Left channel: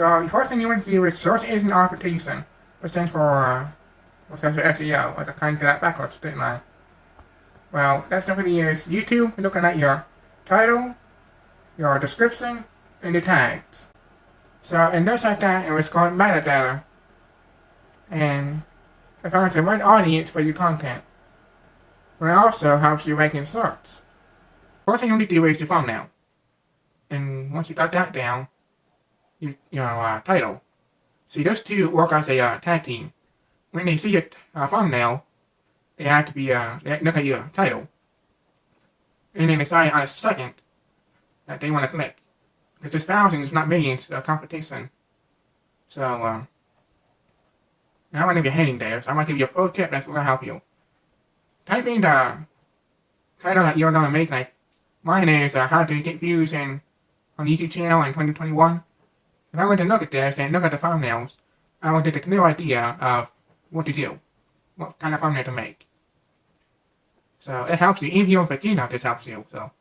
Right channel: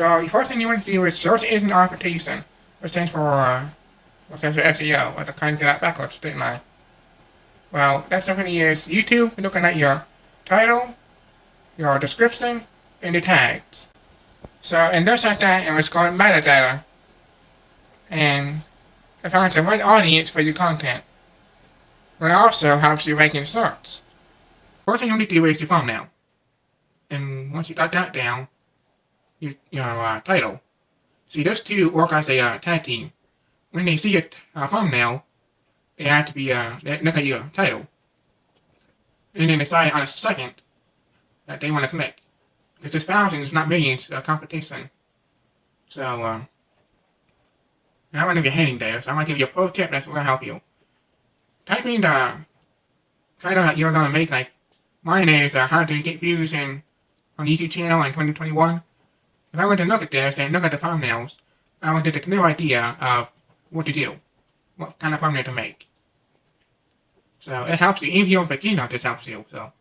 So the first thing you want to do is search engine optimization, which stands which stands for SEO, or the kind of that backwards, didn't I? Well, that simply is YouTube looking at your title, your description, and the tags. So, and just like that, it was called metadata, and it finds the right audience for your content. But it also helps you rank in search. First thing you need to do is your thumbnail. And once you got that down, your title. See, those two work as a tag team. When they see your thumbnail, they have to be they look at your title, and then decide on a second that they want to click. Because it's thousands, not millions, competition. So, I want to give you a heading there, so I want to give you a pro tip that's going to help you. Type in the title that you're going to make, like mine is how to get views on the YouTube channel in 2021. If I went to look at this and look at the thumbnails, I would get a clear idea of what to do, what kind of thumbnail to make. So it helps you. If you're a beginner, this helps you. So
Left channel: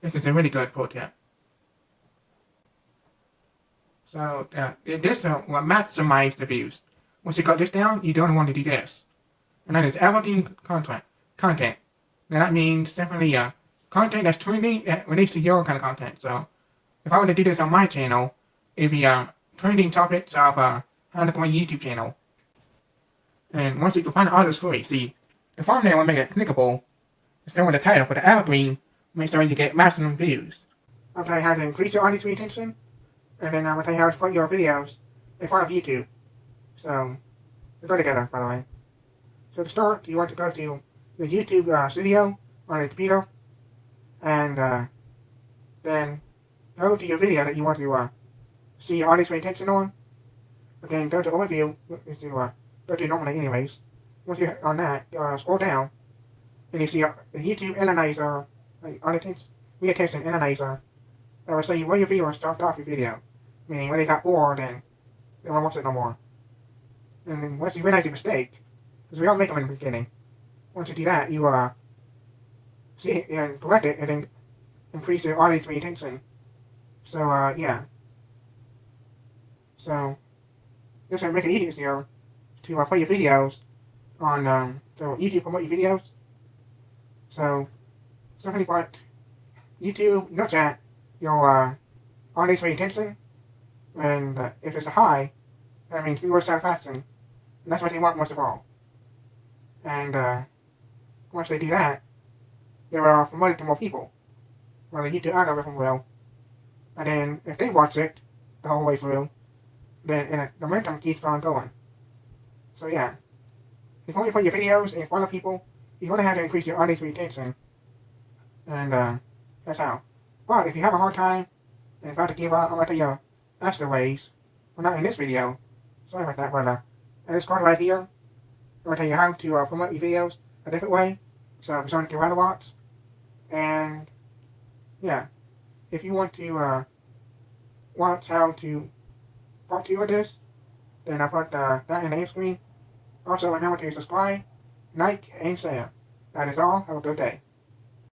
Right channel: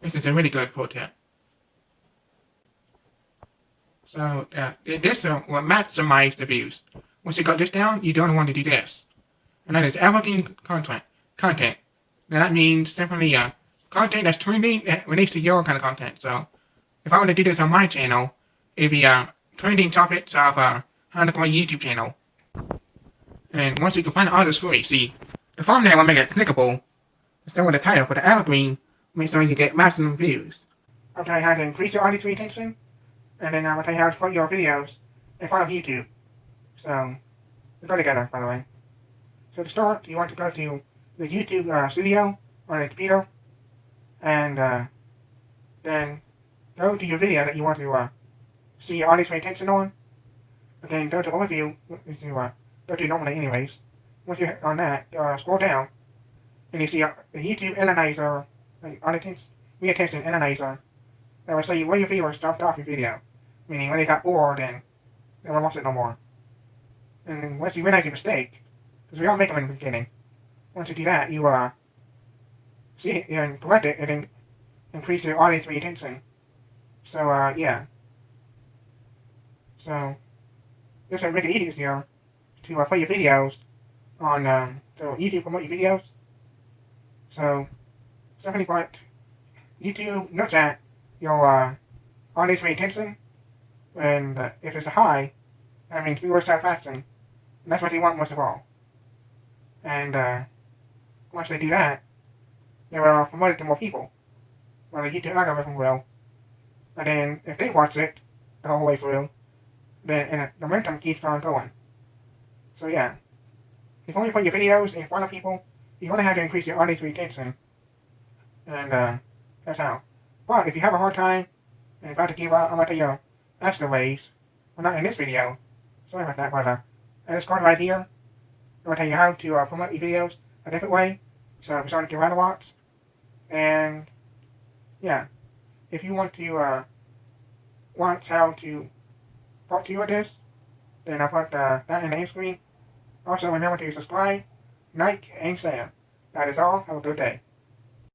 this is a really good pro tip. So this will maximize the views. Once you got this down, you don't want to do this. And that is evergreen content. Now that means simply content that's trending that relates to your kind of content. So if I were to do this on my channel, it'd be trending topics of how to grow a YouTube channel. And once you can find all this free, see, the thumbnail will make it clickable. Instead with the title, but the evergreen makes sure you get maximum views. I'll tell you how to increase your audience retention, and then I'll tell you how to put your videos in front of YouTube. So, they go together, by the way. So to start, you want to go to the YouTube studio on the computer, and then go to your video that you want to see your audience retention on. And then go to overview, which you go to normally anyways. Once you're on that, scroll down, and you see the YouTube analyzer, audience retention analyzer. That will show you where your viewers stopped off your video, meaning when they got bored and they don't watch it no more. And then once you realize your mistake, because we all make them in the beginning, once you do that, you see it and correct it, and then increase your audience retention. So yeah. So this will make it easier to put your videos on so YouTube promote your videos. So simply what YouTube looks at your audience retention, and if it's a high, that means viewer satisfaction. And that's what they want most of all. And once they do that, they're promoted to more people. Well, the YouTube algorithm will. And then if they watch it the whole way through, then the momentum keeps on going. So yeah, if you want to put your videos in front of people, you're going to have to increase your audience retention. And that's how. But if you have a hard time and about to give up, I'm going to tell you that's the ways. Well, not in this video. Sorry about that, but this card right here, I'm going to tell you how to promote your videos a different way. So I'm starting to get rather lots. And yeah, if you want to watch how to part 2 of this, then I'll put that in the end screen. Also, remember to subscribe, like, and share. That is all. Have a good day.